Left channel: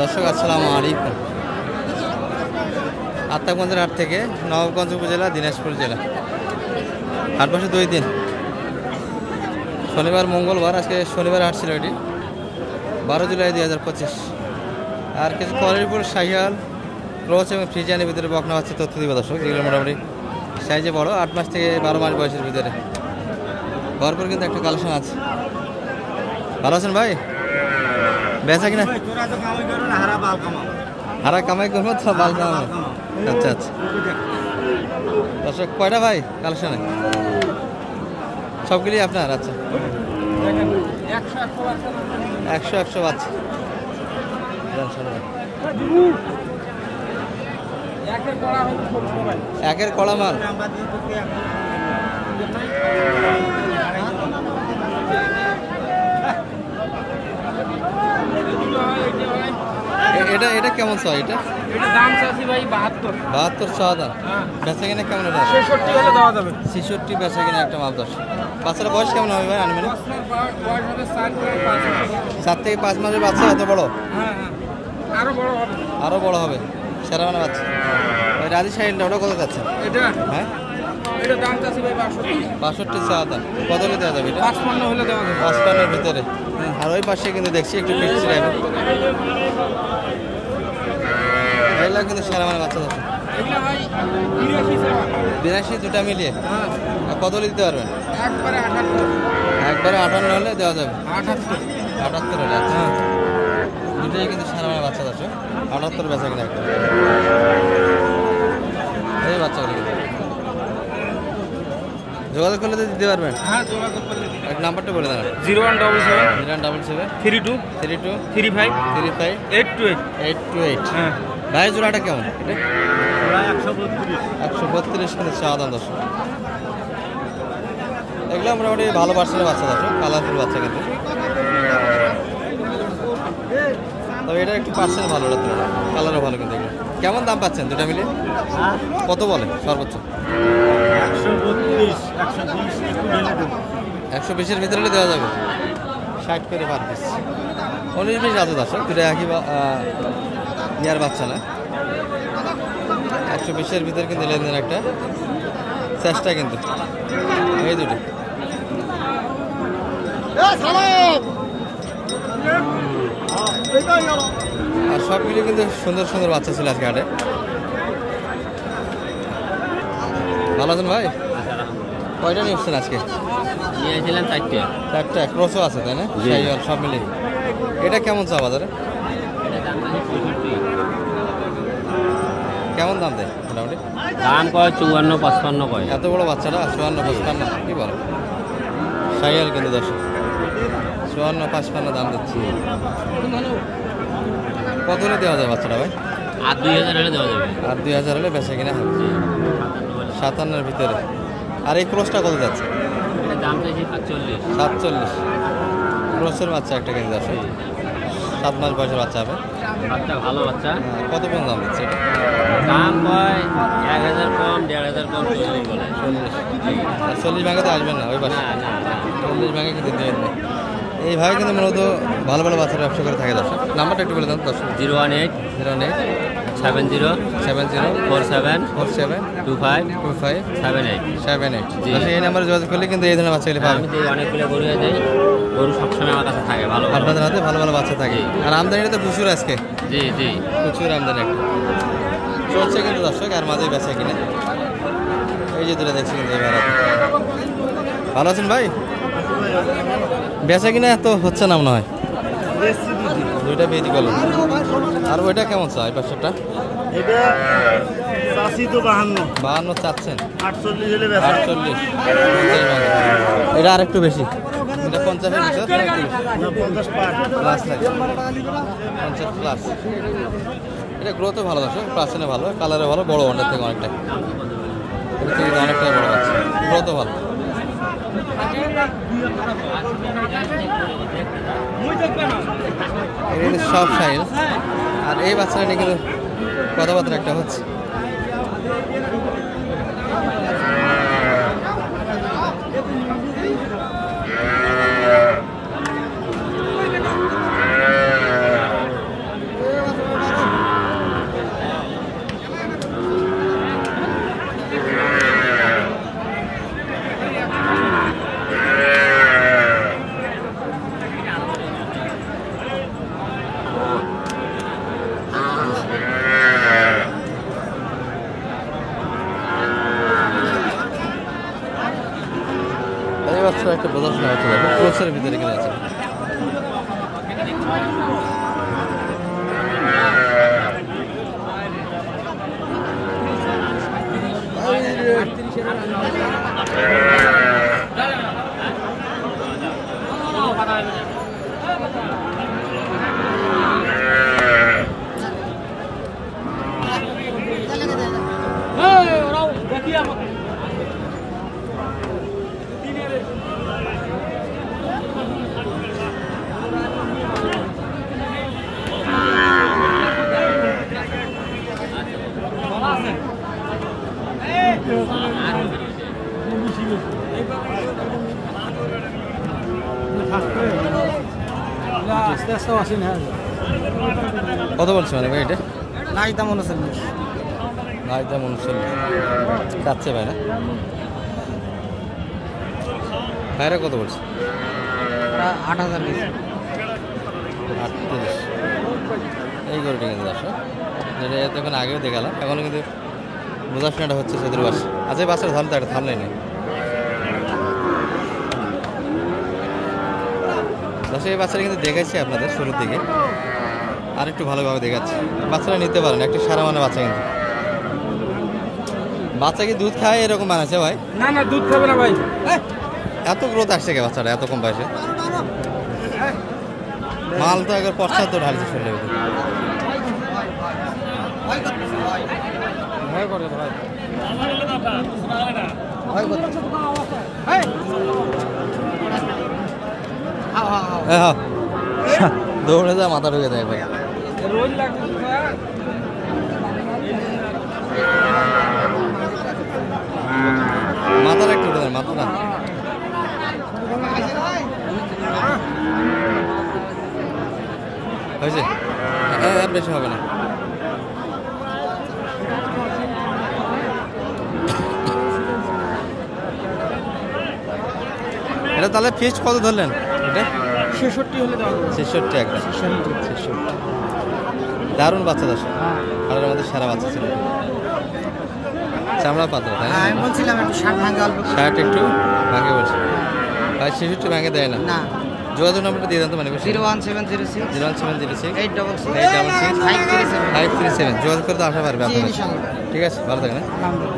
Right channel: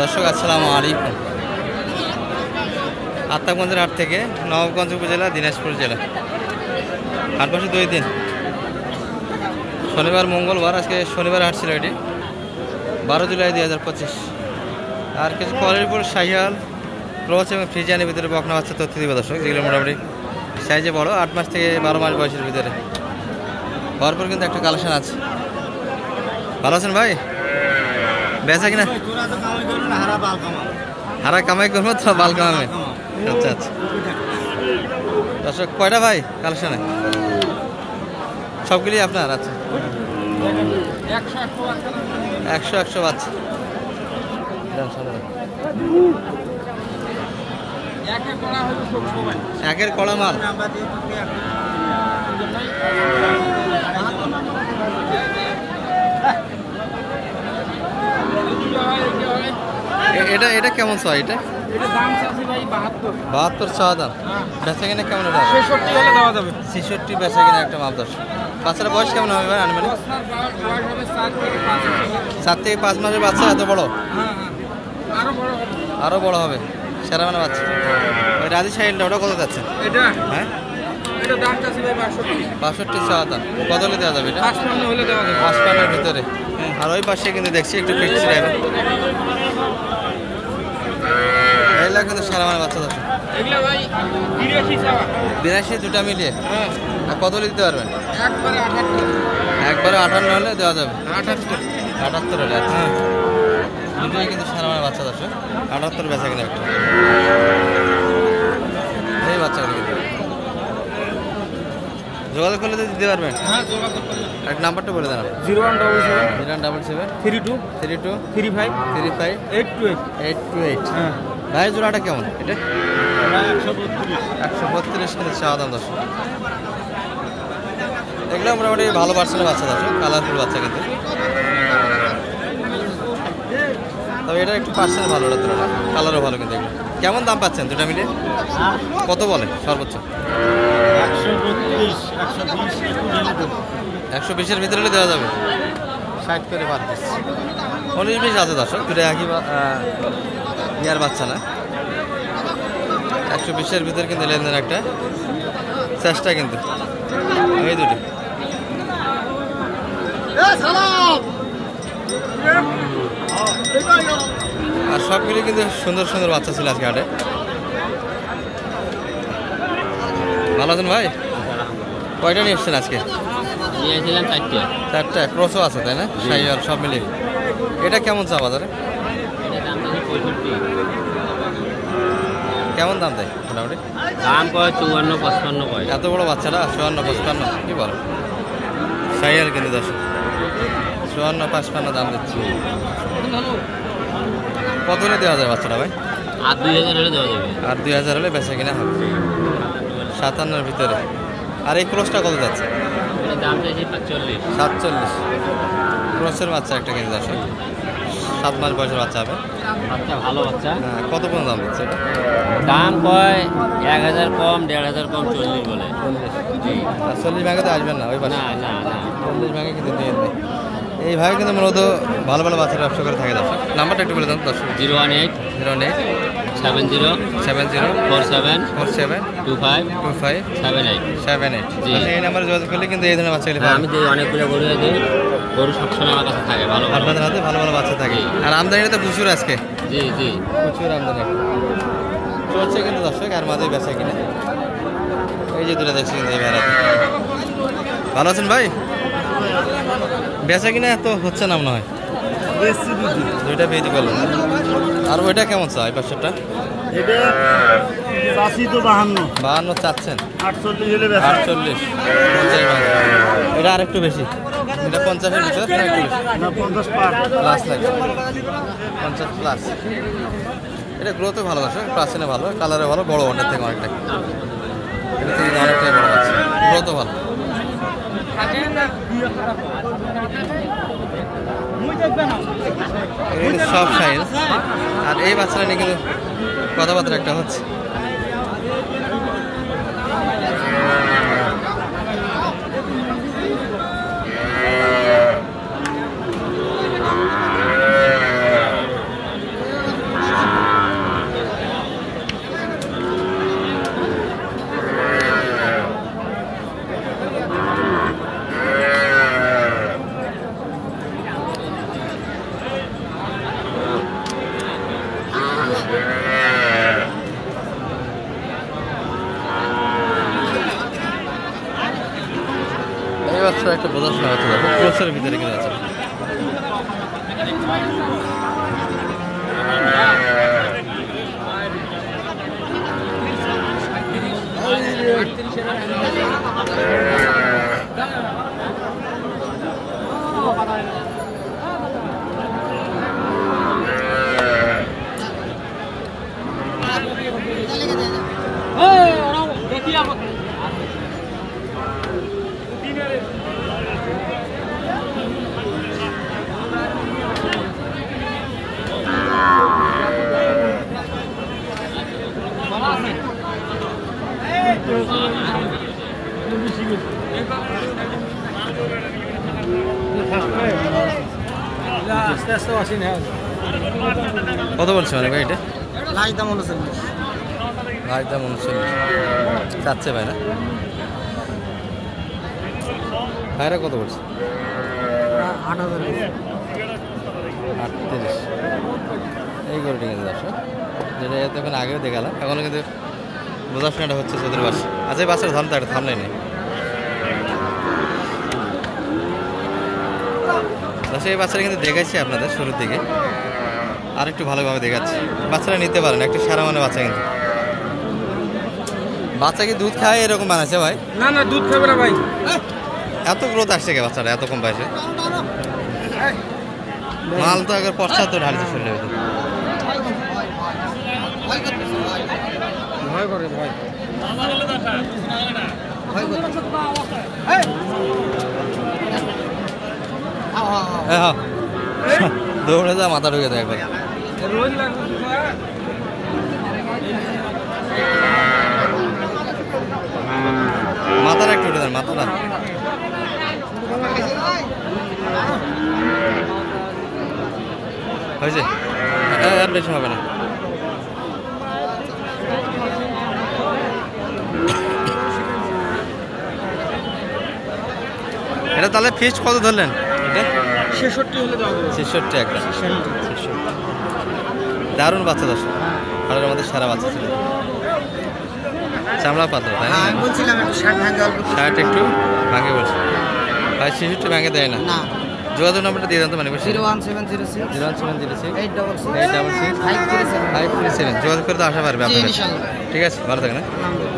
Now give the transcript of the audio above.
দর্শক আসসালামু আলাইকুম। আত্মাগঞ্জের হাট থেকে নবাবগঞ্জ উপজেলা দিনাজপুর জেলা। হাট বসে 2 দিন, শনিবার মঙ্গলবার। আজকে শনিবার হাট ছিল এটি 12 জুলাই 2025। আর কিছু কলেরপুর শাহিয়াল ক্রস এবং ফ্রিজিয়ানের ভিতরে বকনা বাচ্চা তথ্য দিব দর্শক, যেগুলো মোটামুটি সাইজে বড়, 8 মাস থেকে 12 মাস বয়সের ভিতরে। ভরপুর কিন্তু একটা কালেকশন আছে। ভালো আছেন ভাই? বেচা কিনা হারা কামাই করবো তো বাল কামাবে। আচ্ছা আচ্ছা দর্শক, কয়টা ভাই কালেকশনে? সবগুলি আপনার? আচ্ছা, 100 বাচ্চা। একের কড়া মাল। এটা এটা কেমন চাই? এটা দাম চাচ্ছি ভাই 72 চাওয়া দাম। বেচা কিনা কেমন? এটা 66 হলে দেওয়া যাবে। 66 বেচা কিনা একটা মাপ। দর্শক, বাচ্চারা বয়স কেমন হবে ভাই? আনুমানিক বয়স হবে 4 থেকে 5 মাসের বাচ্চা। এত বড়? হ্যাঁ, আরো বড় হবে। সেরা মানে বাচ্চা। ওই রাজি সাইডটা ওটা কত যাচ্ছে? এটা হ্যাঁ, এটা দাম চাচ্ছি ভাই 62 চাওয়া দাম। কত হলে দেওয়া যাবে? এটা 55 হলে দেওয়া যাবে। 55 এর ভিতরে। আর ওই পাশে কিন্তু দেখছি একটু পিক্স রাখবে। এগুলা কিন্তু সেরা মানে বাচ্চা। দর্শক, এগুলা ভাই 82 দুটা মিলিয়ে আর কত হলে দিতে পারবেন? একবারে 78 একবারে 58 হলে দেওয়া যাবে। 78 হলে। আচ্ছা, দুটোই কিন্তু সারা মানে বাচ্চা। দর্শক, 78 বেচা কিনা একটা। এই বাচ্চাগুলো কিন্তু যোগাযোগ করলে তো দিতে পারবেন। হ্যাঁ, যোগাযোগ করলে। এক নাম্বারটা বলে দেন। 0177 32 35 35 828 828। হ্যাঁ ভাই, জোড়াটা কেমন? এটা প্রায় 132 কিন্তু চাওয়া দাম। দর্শক, এগুলো মোটামুটি ভালো পার্সেন্টের বাচ্চা। দর্শক, কালারফুল বাচ্চা কিন্তু। তবে এটা একটু পার্সেন্ট ভালো, ওটা তুলনা কালারও ভালো। কিন্তু এগুলো কেমন দাম পাচ্ছেন দুটা মিলিয়ে? কত বলে সর্বোচ্চ? 120 এর ভিতরে হলে দেওয়া যাবে। 60 করে পার পিস। 19-20 আছে দর্শক, দুটো একই ইয়ার বাচ্চা না। 120 এর ভিতরে কিন্তু লেনদেন একটা চেষ্টা কিন্তু। এই দুটো আর সবগুলি কিন্তু সুন্দর সুন্দর বাচ্চা ছিল আজকে হাটে। ভালো আছেন ভাই? কয়টা নিয়ে এসছেন আজকে? নিয়েছিলাম 4টা ক্রসও আছে, তাই না? শাহিওয়াল সব মিলিয়ে। এটা কেমন চা বাজারে? কেমন দাম দেয় মোটামুটি? দাম কয় 54-55 কয়। এত বড় বাচ্চাটা 54-55 কি বলে? শাহিওয়াল কিন্তু 54-55 দাম দিচ্ছি। কত হলে দেওয়া যায় বাচ্চাটা ভাই? আর 2000 হলে দেওয়া যাবে। আর 2000 হলে বেচা কিনা হবে 57-এর ভিতরে। আর এই ক্রসটা কত যাচ্ছে? দাম চাইছি 47। ক্রসের বাচ্চা একটা কিন্তু আছে, 7 মাস বয়সের বাচ্চা হবে। বাচ্চা ভালো বাচ্চা। হ্যাঁ, কত পর্যন্ত দাম দিচ্ছে এটা? দাম কয় 1000 কম 1500 কম 40 বলে। 40। আর 40 ভাঙে তো আসবেন না ওই পাশে। 40 ভাঙে কিন্তু দিয়ে নেই। এই ভাই কিন্তু মূলত ভালো ভালো বাচ্চার ব্যবসা করে থাকে। দর্শক, নাম্বারটা একটু বলে দেন। 018 70 47 25 78। এই নাম্বারে যোগাযোগ করলে কিন্তু এই ধরনের বাচ্চাগুলি পাবেন। আমি যে অনেকগুলো গরু দেই, গরু সবসময় আমার কাছে থাকে। ভালো আপনাদের হাতে ভালো ভালো বাচ্চা থাকে। আর আমদানিটা তো প্রচুর আজকে। জি প্রচুর আমদানি চলছে কিন্তু দর্শক। আর মাঝে বেচা কিনে এই যে দুটো দেখছি কিন্তু এই বেড়াতে। ভালো আছেন ভাই? বেচা কিনা তো হচ্ছে না মনে হয়। দুইটা বিক্রি করলেন। আর ওইটা কেমন চা? এই পাশেরটা এটা চাষি তো 52 চাচ্ছেন। 48 এটা আর একটু বেশি। এটা 50-এর ভিতরে না একটু বেশি? 50 প্লাস লাগবে, 50 প্লাস। এটা গ্রোথও ভালো আছে, প্রাচীনে ভালো, কালারে ভালো, বড় ওটার থেকে অনেকটাই। এটা থেকে অনেকটাই বড় আছে, গ্রোথও ভালো। সব সাইজ। আর এই বাচ্চারা নিয়ে কিন্তু কথাবার্তা একটা হচ্ছে। এই বাচ্চাটা একটা বোঝাশোনা হতে পারবে, ক্রসের ভিতরে কিনে আছে। কত বলছে মানে ভাই এটা? লাখ দাম 39। লাখ দাম 39 চাচ্ছে ভাই না? ভাইরা কত বলছে? 8000। 38। এই গরুটি কিন্তু দর্শক, যেটা এতক্ষণ আগেও দেখালাম, এখনও কিন্তু বোঝাশোনাটা হচ্ছে চতুর বাস। আচ্ছা এই বাসের থামতে একটা থামলাই নেই। এই বাচ্চারা কিন্তু দেখাচ্ছি আপনাদের শুরুর দিকে, আর একটু ভালোভাবে দেখাচ্ছি। বাচ্চারা নিতে পারেন, একটা সারা মানে বাচ্চা কিন্তু। বাচ্চা কি দুধ খায় এরকম বানাচ্ছে ভাই? না না, দুধ খাবে না ভাই। এত গ্রোথ আসছে কে বাচ্চাটা এত কম পাইছে? মাল তো একবার পশ্চাৎ তো ঢালছে শরীরের ভিতরে। ভয় করে ভয়। হ্যাঁ দৌড়ে যা মাথা ঢুকে দেয় একবার। রোজ লাগবে। মাথাটা একটু উঠে দেন, মাথাটা। হয়েছে? হ্যাঁ আর বেশি হবে না। এটা তাহলে ফিক্সড কত ধরলেন? এটা 66 হলে দাও। 66 একদম। 66 দারুণ বাচ্চা দর্শক, হাড়ের মধ্যে সারা বাচ্চা ছিল, চামড়া পাতলা তাই না? আমি বলছিলাম একটু 60 ভাঙে অল্প। 60 একটু ভাঙে বলছে ভাই, 66 ভাঙে দেয় না। না, যোগাযোগ নাম্বারটা দিয়ে দেন তো, মানে 01706 01706 866 866 537। 537 যোগাযোগ করে তো আসা পারবে আপনার কাছে। ইনশাআল্লাহ। ঠিক আছে, ভালো থাকেন। আলহামদুলিল্লাহ।